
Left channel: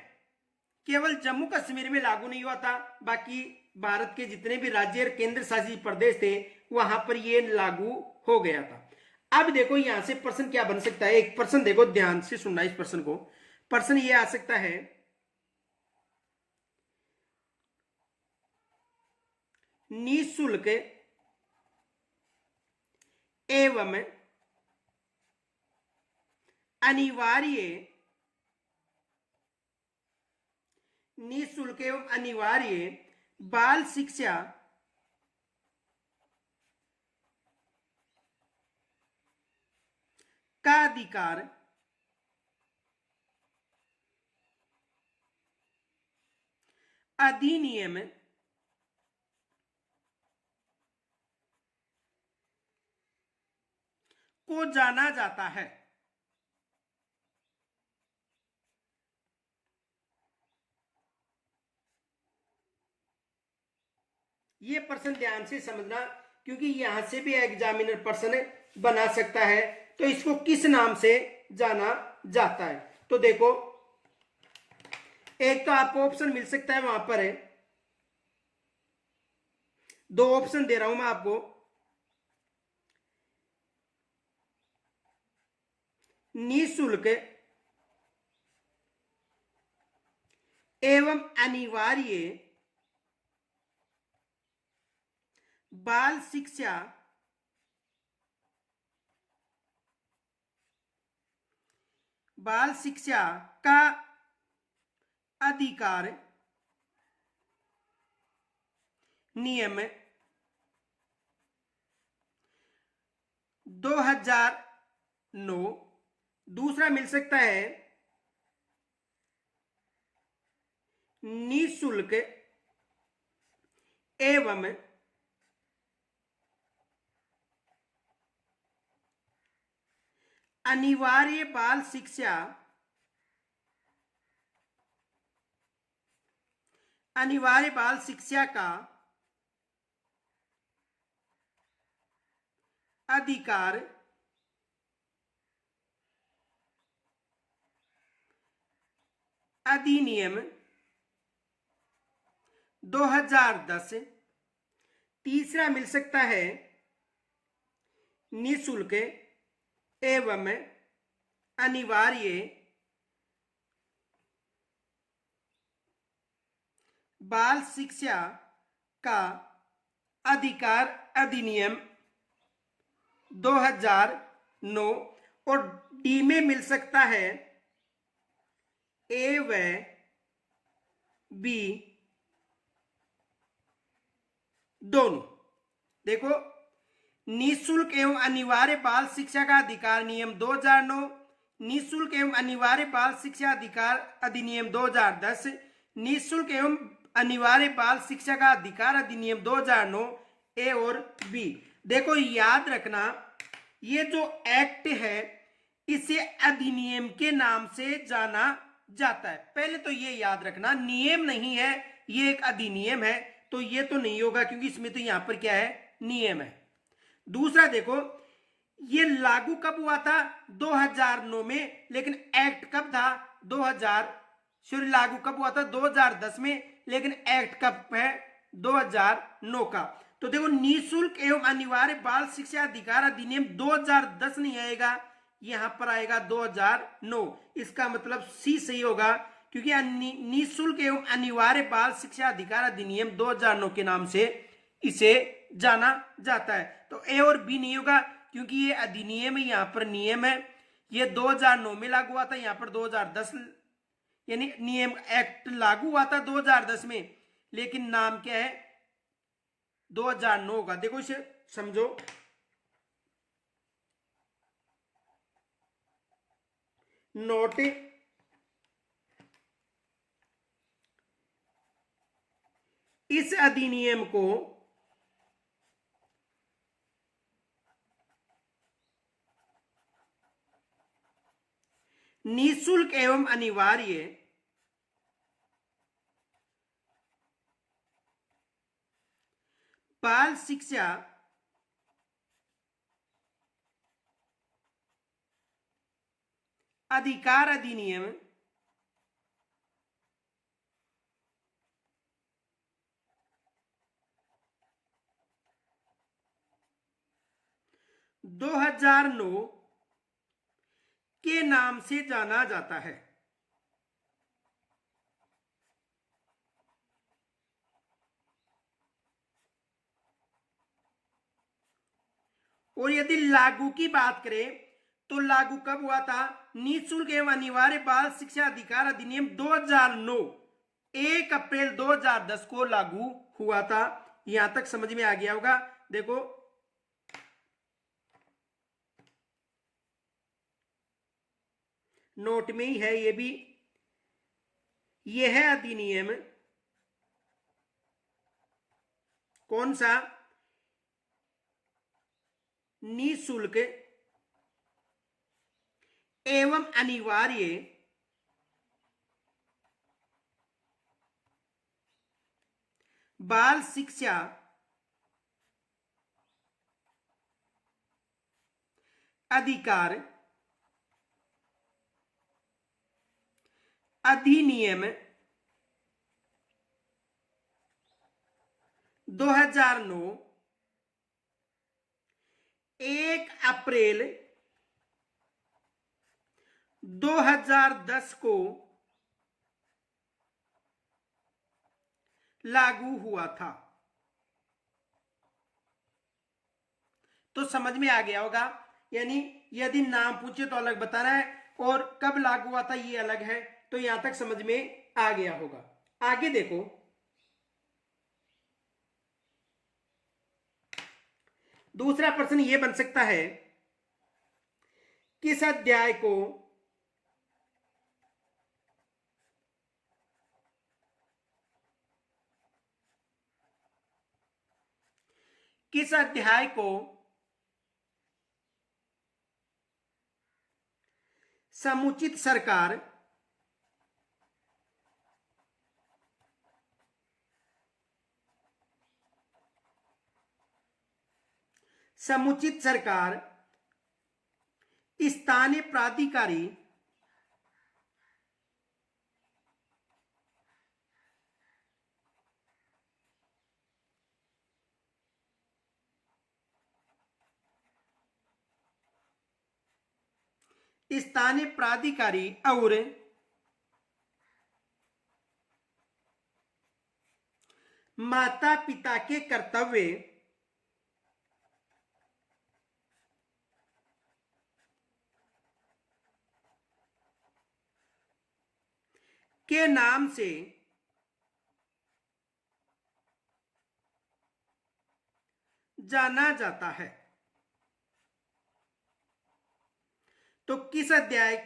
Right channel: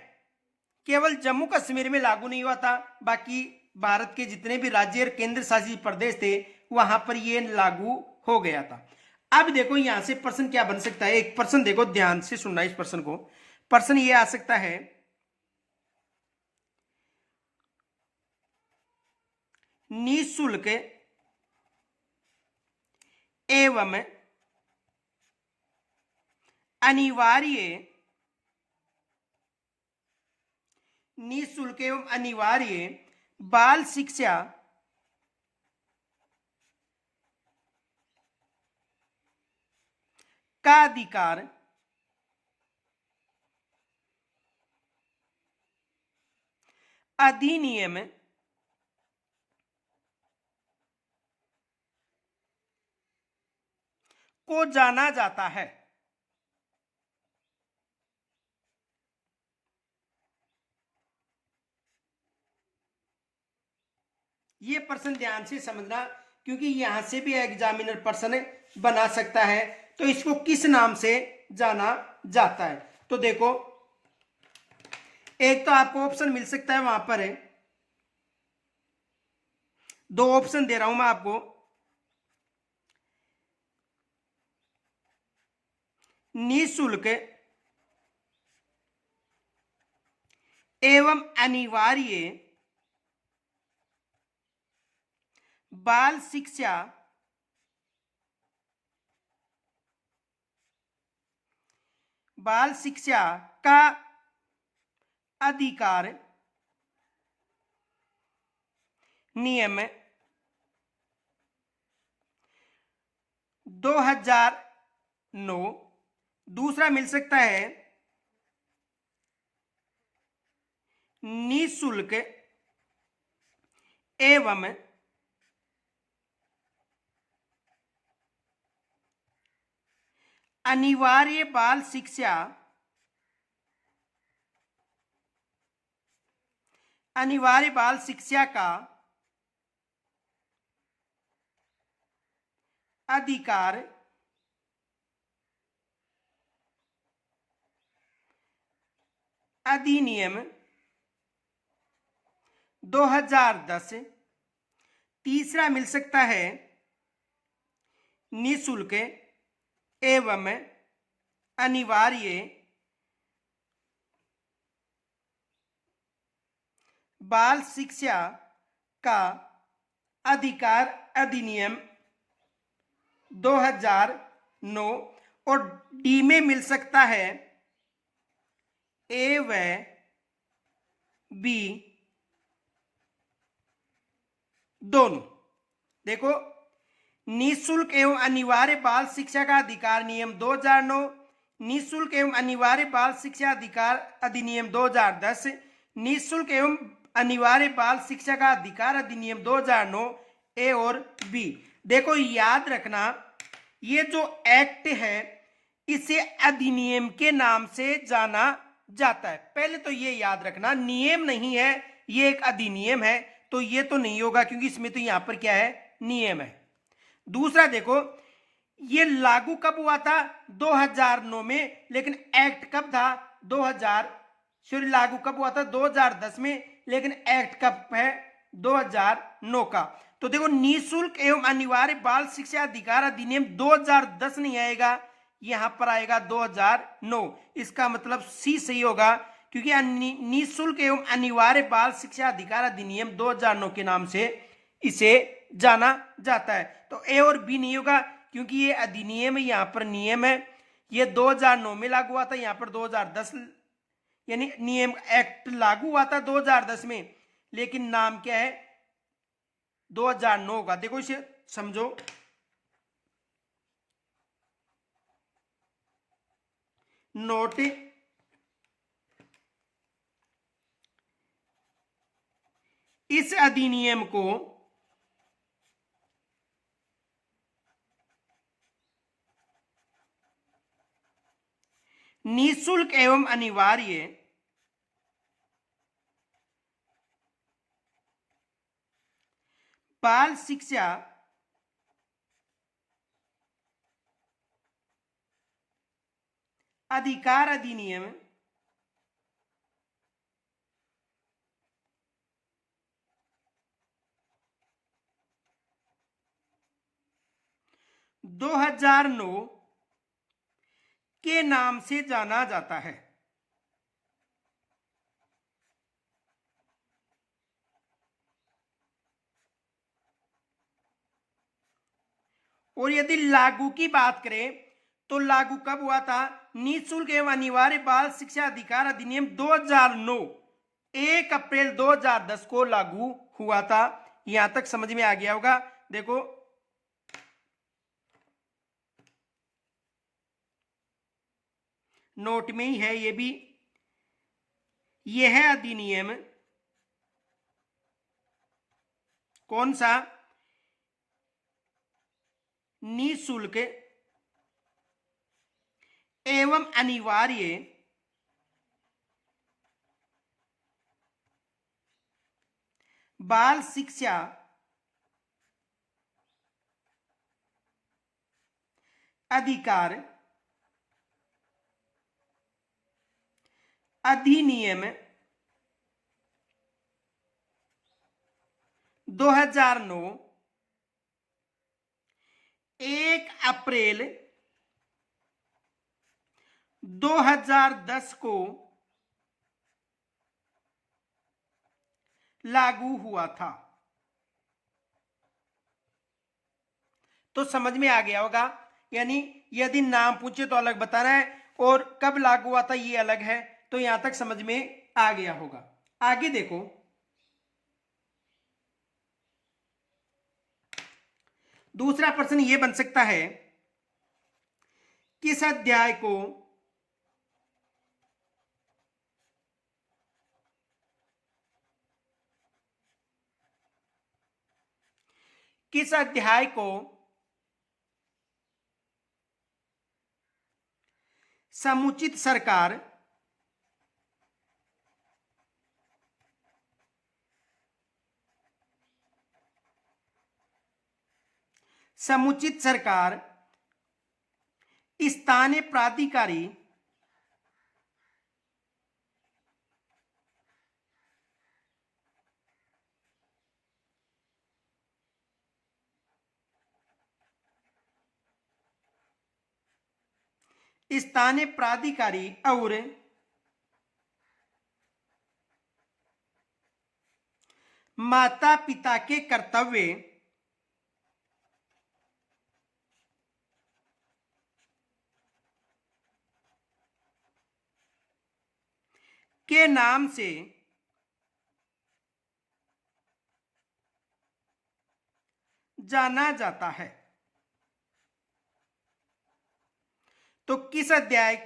केवल जम्मू कश्मीर में लागू नहीं हुआ था, बाकी भारत के जितने भी राज्य और केंद्र शासित प्रदेश थे वहां पर ये लागू हो गया था। अब देखो यहां से प्रश्न क्या बन सकता है। एक प्रश्न देखो, ध्यान से सुनना इस प्रश्न को। प्रश्न ये आ सकता है, निःशुल्क एवं अनिवार्य बाल शिक्षा का अधिकार अधिनियम को जाना जाता है। ये प्रश्न ध्यान से समझना, क्योंकि यहां से भी एग्जामिनर प्रश्न बना सकता है। तो इसको किस नाम से जाना जाता है? तो देखो एक तो आपको ऑप्शन मिल सकता है वहां पर है, दो ऑप्शन दे रहा हूं मैं आपको। निःशुल्क एवं अनिवार्य बाल शिक्षा का अधिकार नियम 2009। दूसरा मिल सकता है निःशुल्क एवं अनिवार्य बाल शिक्षा का अधिकार अधिनियम 2010। तीसरा मिल सकता है निःशुल्क एवं अनिवार्य बाल शिक्षा का अधिकार अधिनियम 2009। और डी में मिल सकता है ए व बी दोनों। देखो, निःशुल्क एवं अनिवार्य बाल शिक्षा का अधिकार नियम 2009, निःशुल्क एवं अनिवार्य बाल शिक्षा अधिकार अधिनियम 2010, निःशुल्क एवं अनिवार्य बाल शिक्षा का अधिकार अधिनियम 2009, ए और बी। देखो याद रखना, ये जो एक्ट है इसे अधिनियम के नाम से जाना जाता है। पहले तो ये याद रखना, नियम नहीं है, ये एक अधिनियम है, तो ये तो नहीं होगा क्योंकि इसमें तो यहां पर क्या है, नियम है। दूसरा देखो, ये लागू कब हुआ था, 2009 में, लेकिन एक्ट कब था, 2000 सॉरी लागू कब हुआ था, 2010 में, लेकिन एक्ट कब है, 2009 का। तो देखो, निःशुल्क एवं अनिवार्य बाल शिक्षा अधिकार अधिनियम 2010 नहीं आएगा, यहां पर आएगा 2009। इसका मतलब सी सही होगा, क्योंकि निःशुल्क एवं अनिवार्य बाल शिक्षा अधिकार अधिनियम 2009 के नाम से इसे जाना जाता है। तो ए और बी नहीं होगा क्योंकि ये अधिनियम, यहां पर नियम है। ये 2009 में लागू हुआ था, यहां पर 2010, यानी नियम एक्ट लागू हुआ था 2010 में, लेकिन नाम क्या है, 2009 का। देखो इसे समझो, नोट इस अधिनियम को निःशुल्क एवं अनिवार्य बाल शिक्षा अधिकार अधिनियम 2009 के नाम से जाना जाता है। और यदि लागू की बात करें तो लागू कब हुआ था, निःशुल्क एवं अनिवार्य बाल शिक्षा अधिकार अधिनियम 2009 1 अप्रैल 2010 को लागू हुआ था। यहां तक समझ में आ गया होगा। देखो, नोट में ही है ये भी, यह है अधिनियम कौन सा, निःशुल्क एवं अनिवार्य बाल शिक्षा अधिकार अधिनियम 2009 1 अप्रैल 2010 को लागू हुआ था। तो समझ में आ गया होगा, यानी यदि नाम पूछे तो अलग बताना है और कब लागू हुआ था ये अलग है। तो यहां तक समझ में आ गया होगा। आगे देखो, दूसरा प्रश्न ये बन सकता है, किस अध्याय को समुचित सरकार स्थानीय प्राधिकारी और माता पिता के कर्तव्य के नाम से जाना जाता है। तो किस अध्याय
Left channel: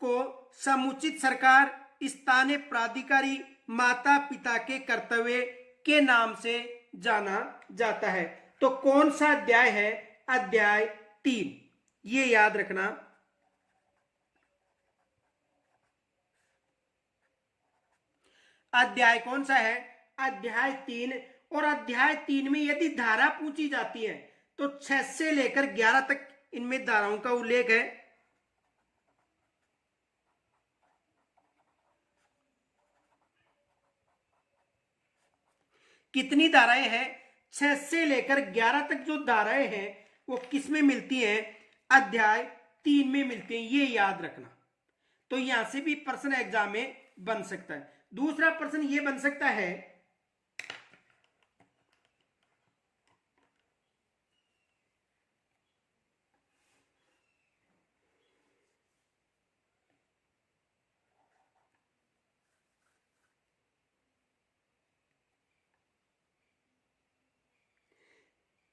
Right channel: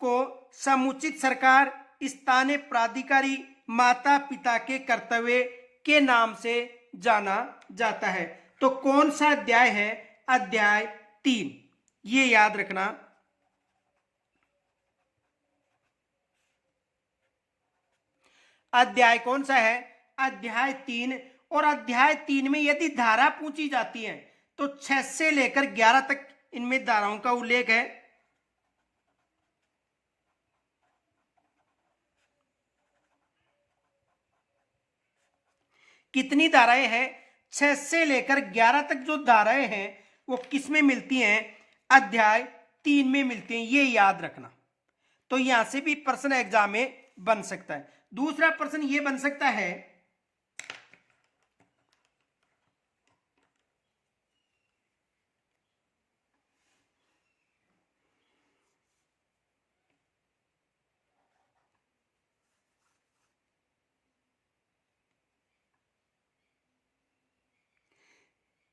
को समुचित सरकार, स्थानीय प्राधिकारी, माता पिता के कर्तव्य के नाम से जाना जाता है? तो कौन सा अध्याय है? अध्याय 3, ये याद रखना। अध्याय कौन सा है? अध्याय 3। और अध्याय 3 में यदि धारा पूछी जाती है तो 6 से लेकर 11 तक इनमें धाराओं का उल्लेख है। कितनी धाराएं हैं? 6 से लेकर 11 तक जो धाराएं हैं वो किस में मिलती हैं? अध्याय 3 में मिलती हैं, ये याद रखना। तो यहां से भी प्रश्न एग्जाम में बन सकता है। दूसरा प्रश्न ये बन सकता है,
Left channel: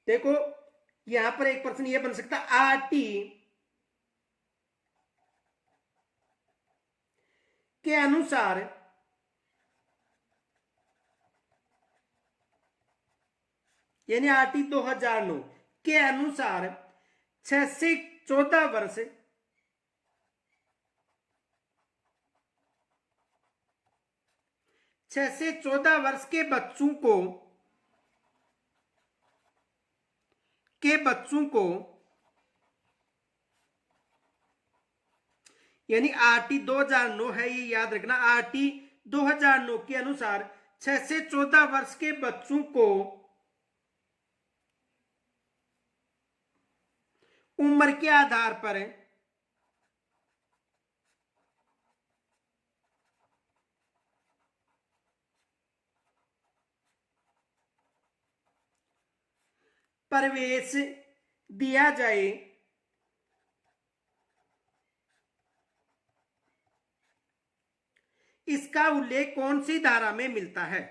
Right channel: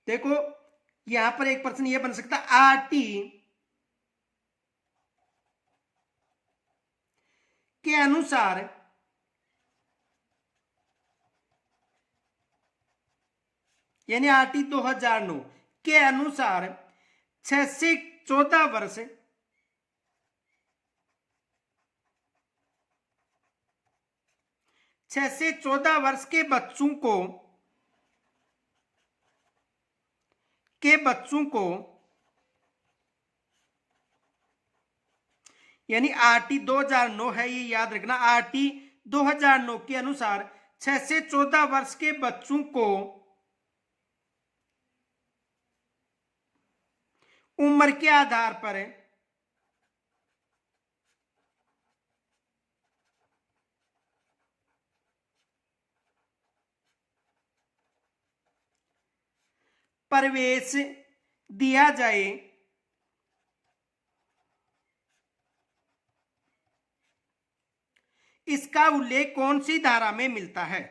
देखो यहां पर एक प्रश्न ये बन सकता है, आरटी के अनुसार यानी आरटी 2009 के अनुसार 6 से 14 वर्ष के बच्चों को यानी आरटी 2009 है, ये याद रखना। आरटी 2009 के अनुसार 6 से 14 वर्ष के बच्चों को उम्र के आधार पर प्रवेश दिया जाए। इसका उल्लेख कौन सी धारा में मिलता है?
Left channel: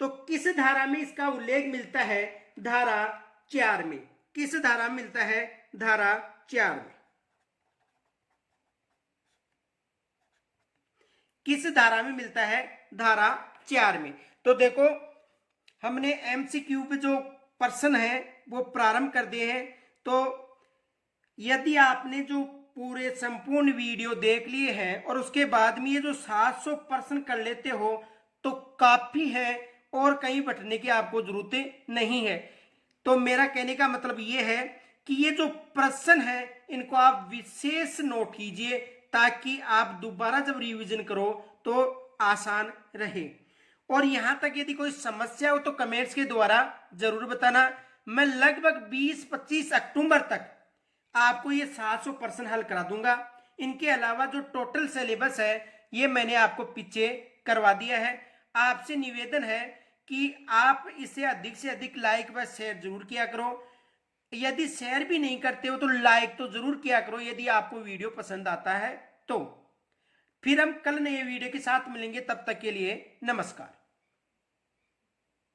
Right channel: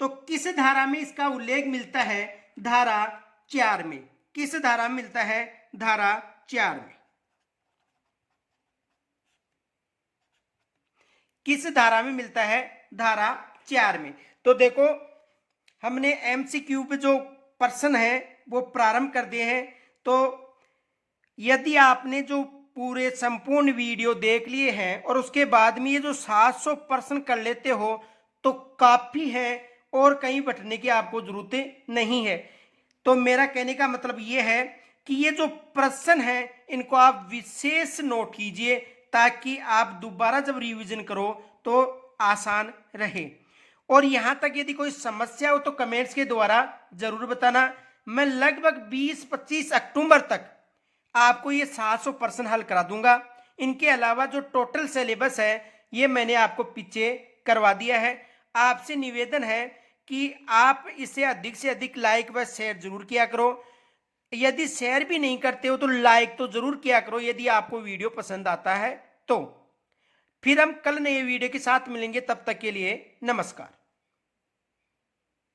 तो किस धारा में इसका उल्लेख मिलता है? धारा 4 में। किस धारा में मिलता है? धारा 4 में। किस धारा में मिलता है? धारा 4 में। तो देखो हमने एमसीक्यू पे जो प्रश्न है वो प्रारंभ कर दिए हैं। तो यदि आपने जो पूरे संपूर्ण वीडियो देख लिए हैं और उसके बाद में ये जो 700 प्रश्न कर लेते हो तो काफी है और कहीं बटने की आपको जरूरत नहीं है। तो मेरा कहने का मतलब ये है कि ये जो प्रश्न है इनको आप विशेष नोट कीजिए ताकि आप दोबारा जब रिवीजन करो तो आसान रहे। और यहां तक यदि कोई समस्या हो तो कमेंट्स के द्वारा जरूर बताना। मैं लगभग 20-25 अक्टूबर तक आपको ये 700 प्रश्न हल करा दूंगा। इनके अलावा जो टोटल सिलेबस है ये मैंने आपको पीछे करवा दिया है। आपसे निवेदन है कि आप इसे अधिक से अधिक लाइक व शेयर जरूर किया करो। यदि शेयर भी नहीं करते हो तो लाइक तो जरूर किया करो यदि आपको वीडियो पसंद आता है तो। फिर हम कल नए वीडियो के साथ मिलेंगे, तब तक के लिए नमस्कार।